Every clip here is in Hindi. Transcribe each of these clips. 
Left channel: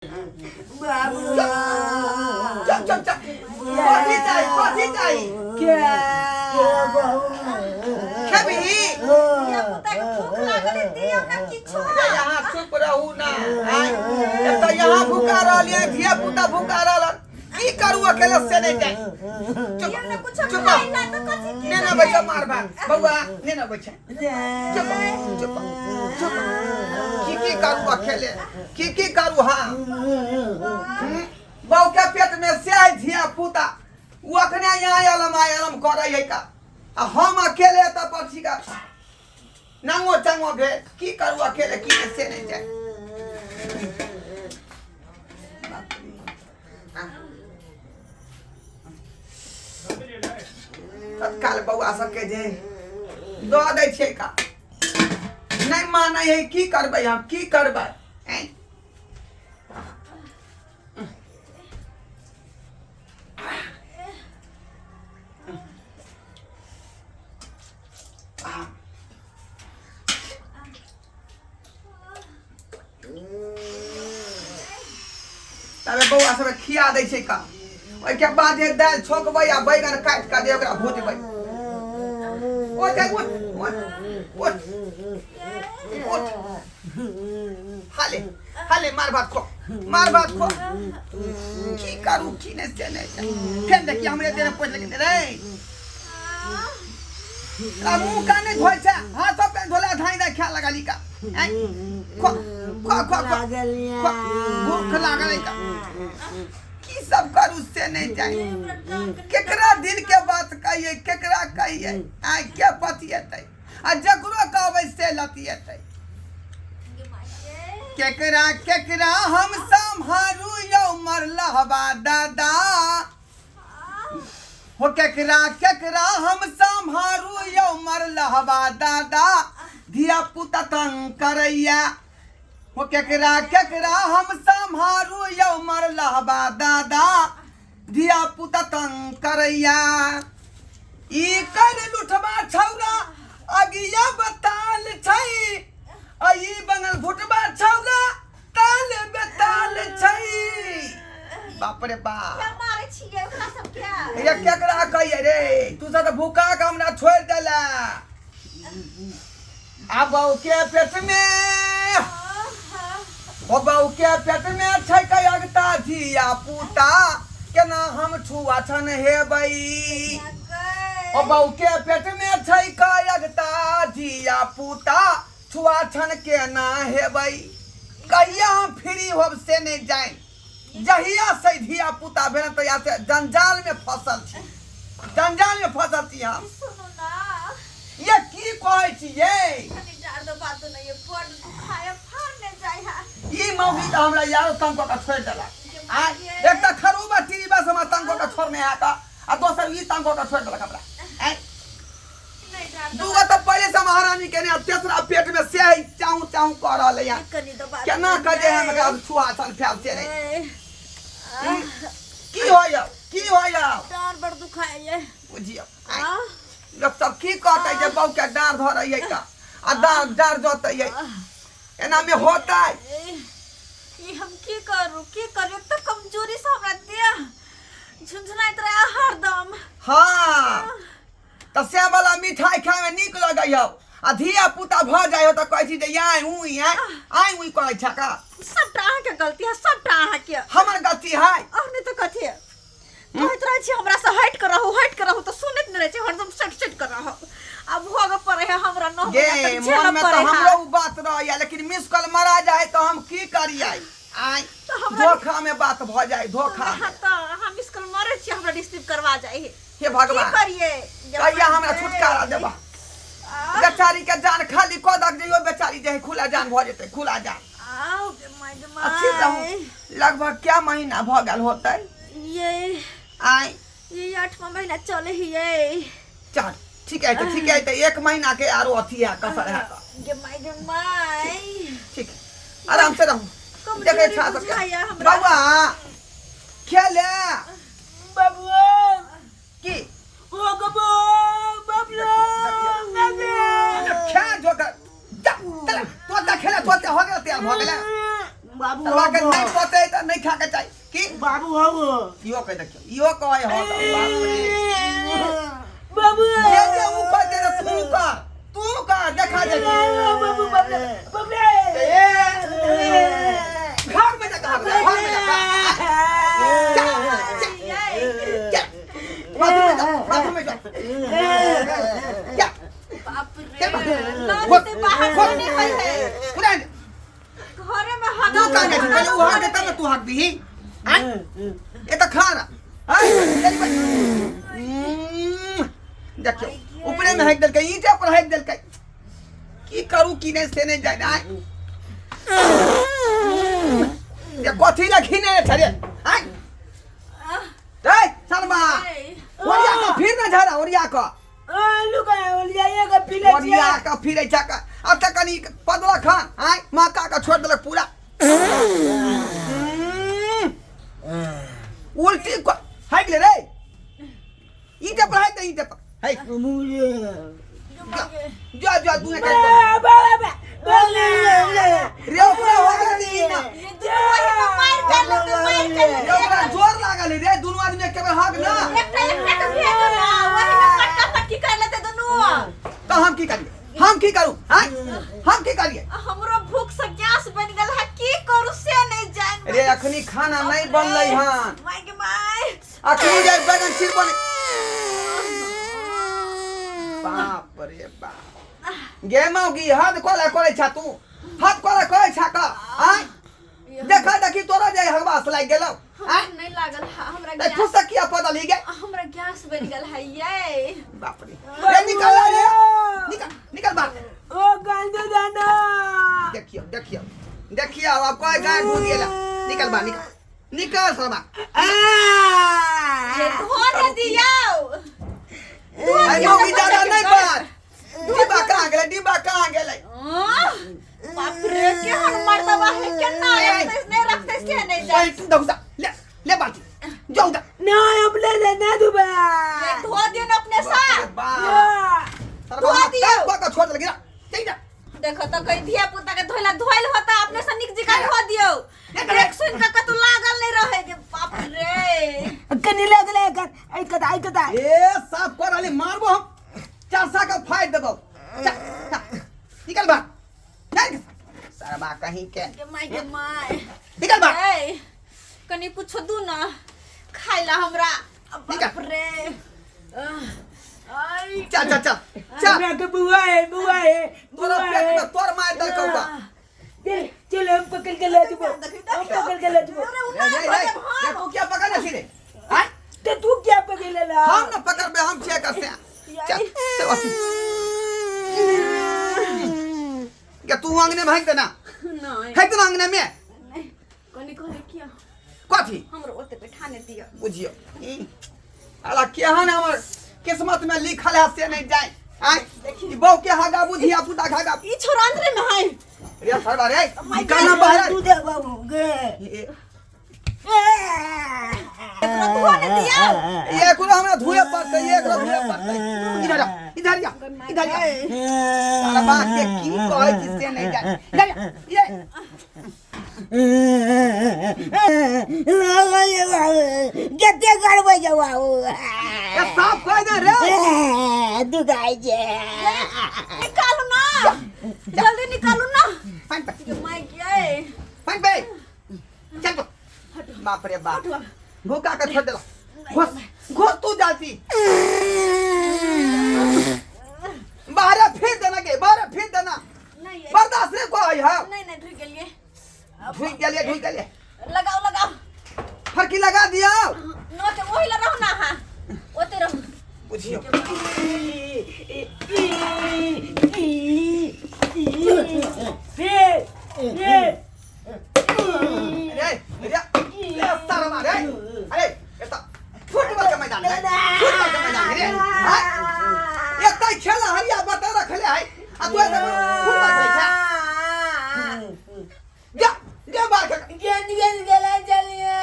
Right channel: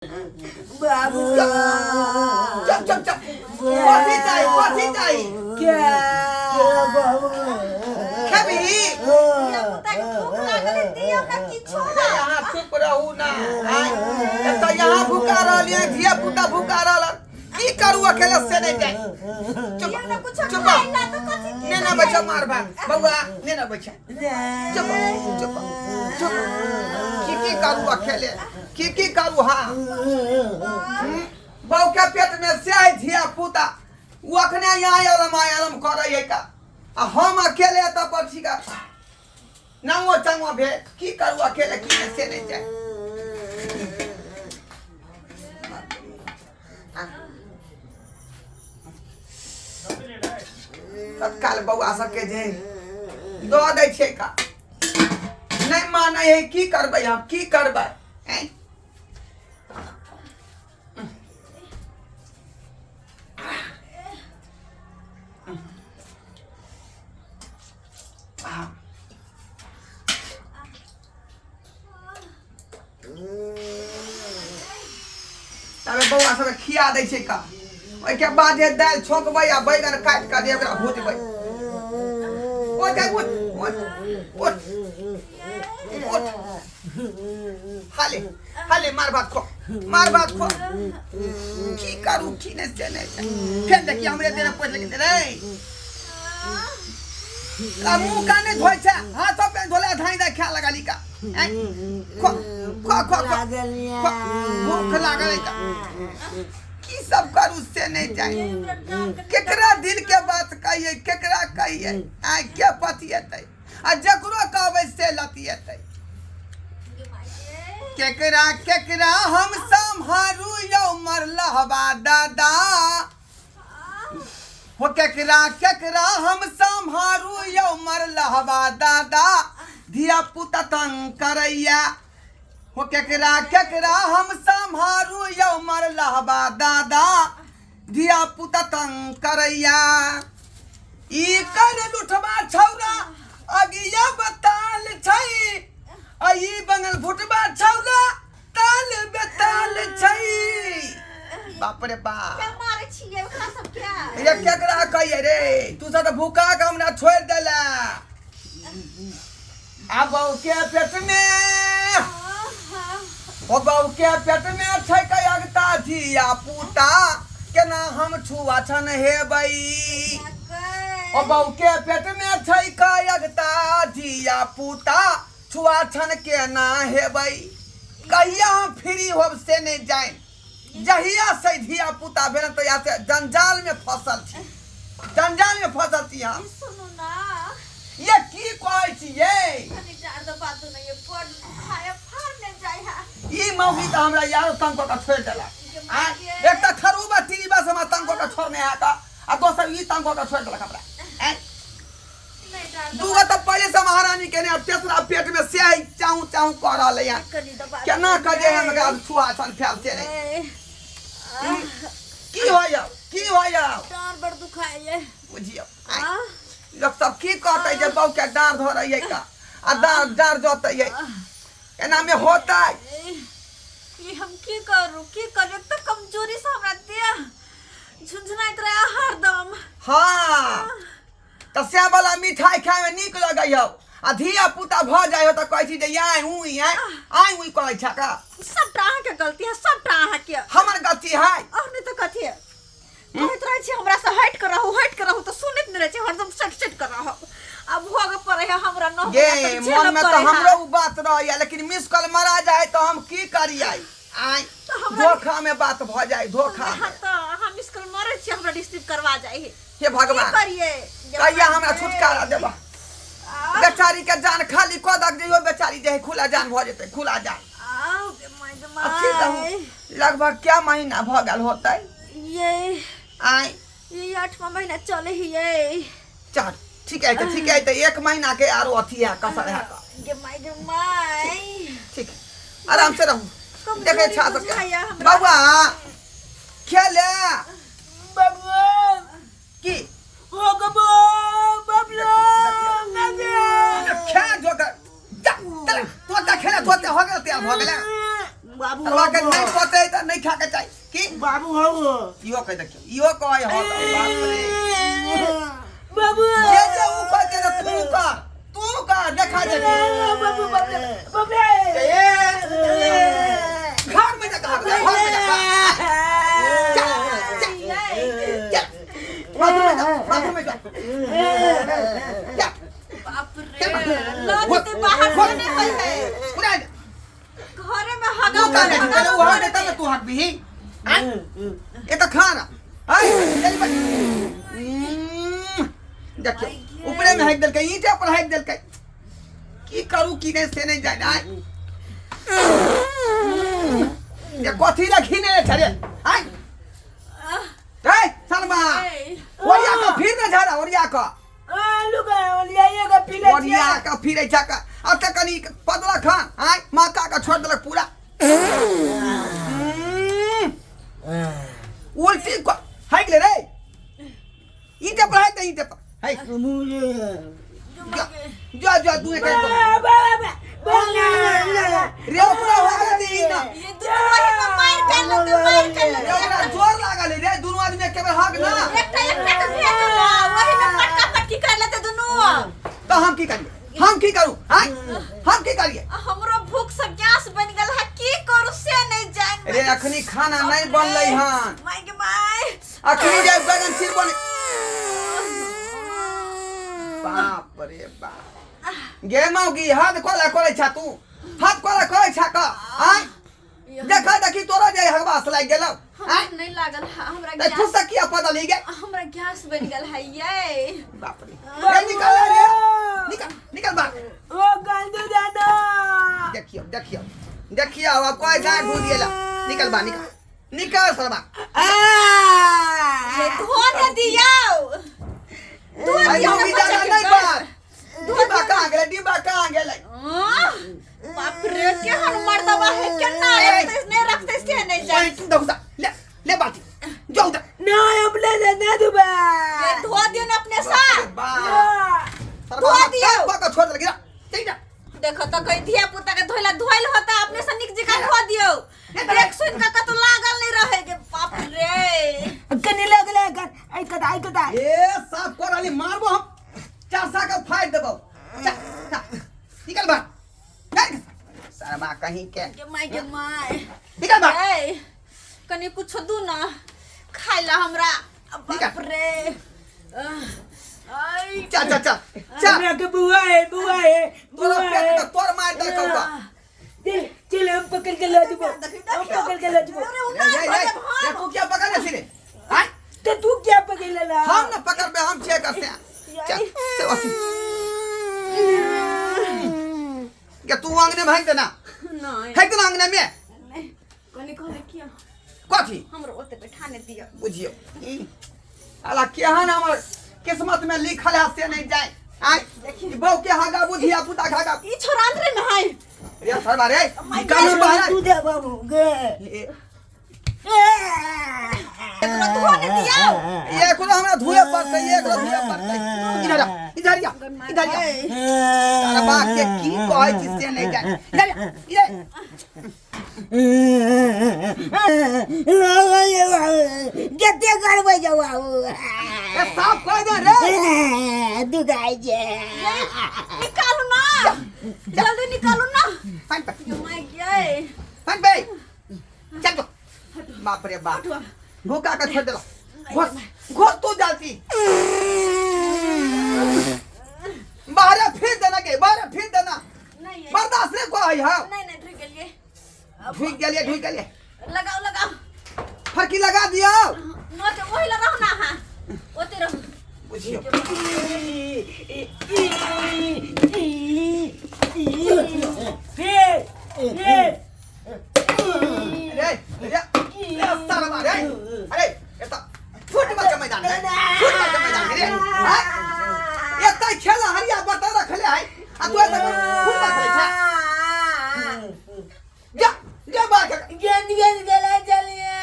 बाबू चुप चुप चुप कथी चाहिए क्या खेबी क्या यहाँ चुप रहू ना जब तक यहाँ भूखा रहा धिया पुता भूखा रहा की करू अकेले से नहीं जाए चुप चुप ने ना बच्चा मार भाग बउआ ने ना बच्चा चुप चुप चुप की करू अकेले की करू हाँ बहू के पेट में से धिया पुता वो अखने यहाँ आलम कर रही है का हम अकेले तब पक्षी का नंगो चंगो भे की करू अकेले की से नहीं जाए तत्काल बउआ सबके जे दो दै छै का नहीं माने है की करबै हम की करबै तबे बउआ सबके खिया दै छै का ओइ के बाद जे दाल छोकबै आ बैगन काट के दे ओकरा भूजबै ओइ के उठ हाले मार भात खो की करू की ने से ने फेन देखि हमरे देने पैसा लगे रे आ मुंह काने धोइ छै हाथ पे धोला धाई दा खा लगाली का खो भूख लागल का की सब करू से नहीं जाए केकरा दिल के बात कहिए केकरा कहिए आ के पतियतै आ जकरो कहबै से लतियतै केकरा केकरा हम संभारू यौ मरलहबा दादा हो केकरा केकरा हम संभारू यौ मरलहबा दादा धिया पुता तंग करैया हो केकरा केकरा हम संभारू यौ मरलहबा दादा धिया पुता तंग करैया ई कर लुठबा छौरा अगिया बताल छै आई बंगल भुटबा छौरा ताल बेताल छै बाप रे बाप मारे छिए ओकरा सब क्या ये केकरा कहिए रे तू सब भूखा के हमरा छोड़ देला आ बहू के पेट में ओ बहू के पेट में छै कयगता धिया पुता केना हम छुआ छन हेबै ओ बहू के पेट में छै कयगता धिया पुता छुआ छन केना हेबै कहिया हम फ्री होब से नहीं जाए जहिया से धिया पुता भेल तो या से जंजाल में फसल छी हम सुनो ना ये की कहै छी ये कनी डार दो बात नहीं ये पड़ खाए फाड़ में जाय है ई मौगी त हमरा यारो तंग क छोड़ देला आ एक त खरूबा टीबा समा तंग क छोड़ने है त आ दोसर ई तंग क छोड़ देला हमरा ए दूगा त पहले से महारानी के ने तेसरा पेट में से चाऊ कर रहले है कनी दो बात केना कजे हम का छुआ छन फैल से रे की होया डार बड़ दुखाए ये बुझियो लोग सब की कहते जे बहू के डार धरैए का आ डार जोतै एना में होता ये हम की करू तो कमजोरी से हमरा दे झुंझुनाइत रहे हरदम हाँ तो से वाला मिठाई खाए में निक लगैयो आ धिया पुता भ जाय हो तो कहै छी जे आई उई कहै छ का सब टाहा के गलती है सब टाहा के हमर गलती है नहीं तो कथी है कहत रहे छी हमरा से हट कर रहू तो सुनत न रहे छी हरदम सट कर रहू अब भोग पड़े है हमरा न गे मन में तो हमरो बात रहैया लेकिन मिस कॉल मरा जाए तो हम की करियै आई धोखा में बात भ जाए धोखा में तो हम इसकल मरे छी हमरा रिसीव करवा जाए हे भगवान करिए कहिया हमरा छुटकारा देबा बेचारी के जान खाली क दक जइयो बेचारी जे खुला जान भ जेतै खुला जान आओ गे माय अच्छी रहूं लगभग क्या महीना भ गेल होतै ये आई ये 8वां महीना चले ही ये चल ठीक है तो 1 महीना के आरो अथी है कसर है का गे माय ठीक आराम से रहूं देखे छा सके बाबा खेले बाबू की ओ गबो बाबलो क्या जो कर तो खेले तो हो गया तैयार हो गया बाबू तलवा के नहीं पते त नहीं खा के चाहिए की बाबू हो इहो कह देखियो इहो कहे हो त बाप रे बाबू ये जे ऊ कहते त तू का देखा जे बाबू बाबू बाबू घर में जा घर में जा बाथरूम में जा क्या बाप रे लाते बाहर से निकल है उड़ा घरे में तू हगा का नहीं पहले वो हट तब तू हट भी हैं ये तो खाना आई चली बन देखियो ऊपरे में हेक दल के ईंटे पर हेक दल के की करू की नहीं से नहीं जाना ये कोथी लखी ने छरे आई ए शर्मा ओरिया का फिर न झरा ओरिया का लुका ओलिया का पीले ओरिया का फिर ऐसा का अब तक कनी पदला खान आई माता का छोड़ दलक पूरा उल्टी को हाइक ले रे ईंटे पर हाइक ईंटे पर हाइक जा जा तू ने कर रे पूरा हो गया नहीं ना ये दोनों मार कर लो मार कर लो रे पूरा जोर लागल रे दोनों आदमी के बार हाक ना एक को भेज लो वही में पटका पटकी कर लेते दोनों तो हम की करिए हम की करूं हां हम की करिए हमरो भूख से गैस बन गेल है की करू से नहीं जान रे अखनी खाना नहीं बनलै हन माय के माय अखनी जाय बैगन सिर बने बाप रे बाप गे मौगी हाथ कोला करे छा तू हाथ कोला करे छा का हां देखा देखी तोरा जे हगवास लाग गेलौ हां नहीं लागल हमरा ते गैस फुसक किया पता नहीं गे हमरा गैस बन गेल है ये बाप रे रे निकल रे निकल निकल बाहर ओ गंदू दादा देखियो देखियो देखियो अब कोई गाय ढूंढ गेला निकल बा निकल निकल सरबा ये धो दे दियो धो आई दियो मौगी जाना नहीं बाहर डिब्बा कहां गेलै डिब्बा कहां गेलै बाप रे के हन मर्दवा है के ना नहीं रखते से नहीं जाए तू दउदा ले ले बाटी जाऊ दा ना अपने ना दुबा ये धो दियो ना अपने साथ सरबा का छोड़ दे गिरा ठीक ना देखो तो कोई धिया पुता के धोइला धोइल होता अपने से निक जिका धो दियो देख सुन का तो लागल नहीं रहेगे बाप रे कनी लगले कर आई कदा ए साफ कर आली मारबो हम चारसा का फाइट देबो निकल बा सरबा कहीं के के माय निकल बा ए कनी कुछ दू ना खाइला हमरा बाप रे आई चल चल चल चल ना के बुआ है तोरा पेट में तोर मार दल कौवा चल हम पकड़ के ले जबो हम पकड़ के ले जबो अरे उना ये तू क्या पकड़ ले सीधे हां तो तू क्या पकड़ ले ला हम न पकड़ पे हम चेक करते हैं चल चल क्या तू आंगने भाग देना नहीं फेंक देना आंगने में नहीं कनी किया कथी हमरो ओते बैठाने दियो बुझियो अला केहन हमर किस्मत में लिखल है से नहीं जाए आय देखी बहू के हागा बुझिया पुता खागा ई छोरा अंदर में है रे सरबा रे निकालना बाहर तू दे बाबू गे एकरा धो दे दियो ये कुल हमरा धुए पड़ते ये कुल धुए पड़ते इधर आ इधर आ सरबा के की कहै छी से नहीं जाए इधर ये जते करबै जाऊ ये साफ कर दे रे दुगाई जे निकालू ना जल्दी निकालू ना फाइन पे माय गए फाइन पे चल तो बाप रे बाप भूखा का छोड़ देला घोस घोस तू जाती बाहर फिर देना के बाहर फिर देना नहीं बर्दाश्त नहीं को है नहीं नहीं ढुक गेलिए ढुक गलिए लगाओ फरकी लगा दिया ना तो ओही ला रहो ना हां ओते रहो बुझियो रे सारा मारे अरे एता फुटबॉल का मैदान है फुटबॉल का मैदान है रे हां एता खेला हरिया बता रखले है आ तू एता फुटबॉल खेले छा जा जा बाहर खेल गेंद गेला चलिए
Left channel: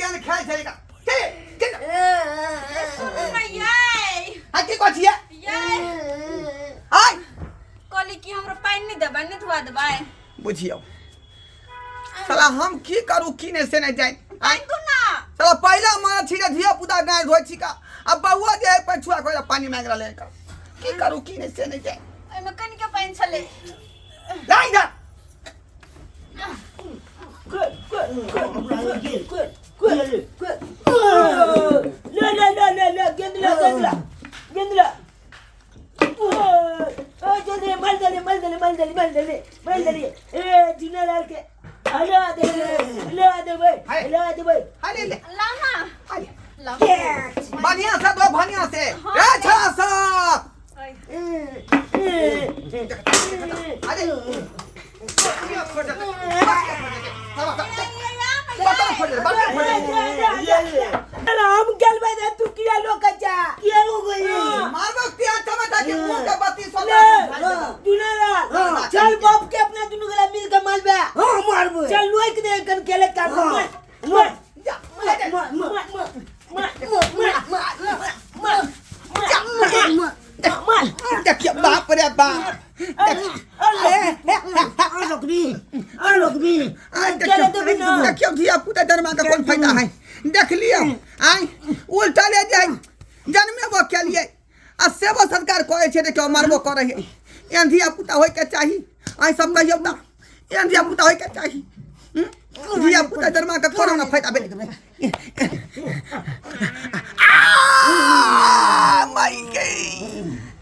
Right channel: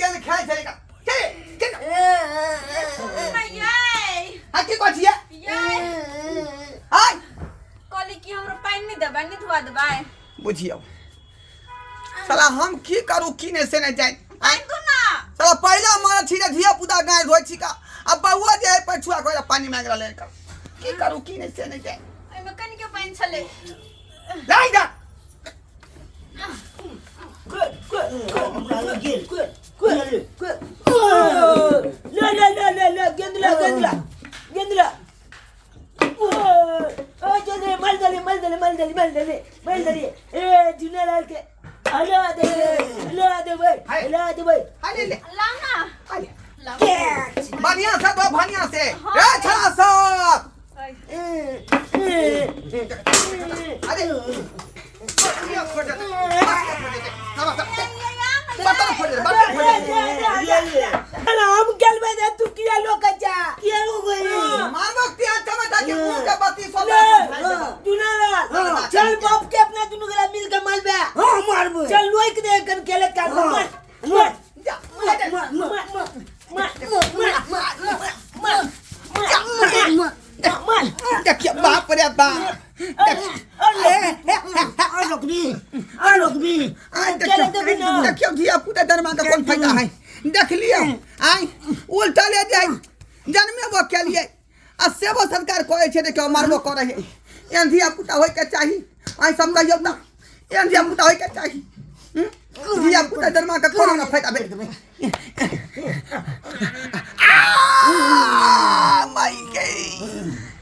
गेंद खेल चलेगा चले चल ये आके कोचिया ये हाय कोली की हमरो पानी नहीं देबा नहीं धुआ देबा बुझियो साला हम की करू की ने से नहीं जाए पानी दू ना साला पहले हमारा छिया धिया पुता गाय धोई छिका अब बउआ जे पछुआ कोई पानी मांग रहा लेकर की करू की ने से नहीं जाए एमे कनी के पानी छले लाई जा गेंदला ओ जल्दी माल दले ए जुनालाल के हला दे भाई हाले ले ला ना हाले ला बढ़िया से दो बढ़िया से ए छड़ा सा अरे ये खोज दे बता खोज दे हम गल में तू किया लोकचा किया हो गई मारबो तिया टमाटा के मुंह के बत्ती सब जुनालाल चल बाप के अपना दुनु गला मिल के मालबे हां मारबो चल लोई के कन केले कर मार जा देखिए बाप रे बाप देखियो धिया पुता धर्मा का कौन फायदा है देख लियो आई उल्टा ले जाए जन्मे वो के लिए आ सेवा संस्कार करे छे देखियो मारबो करे है एन धिया पुता होय के चाही आई सब कहियो ता एन धिया पुता होय के चाही धिया पुता धर्मा का कोनो ना फायदा भेट माई गई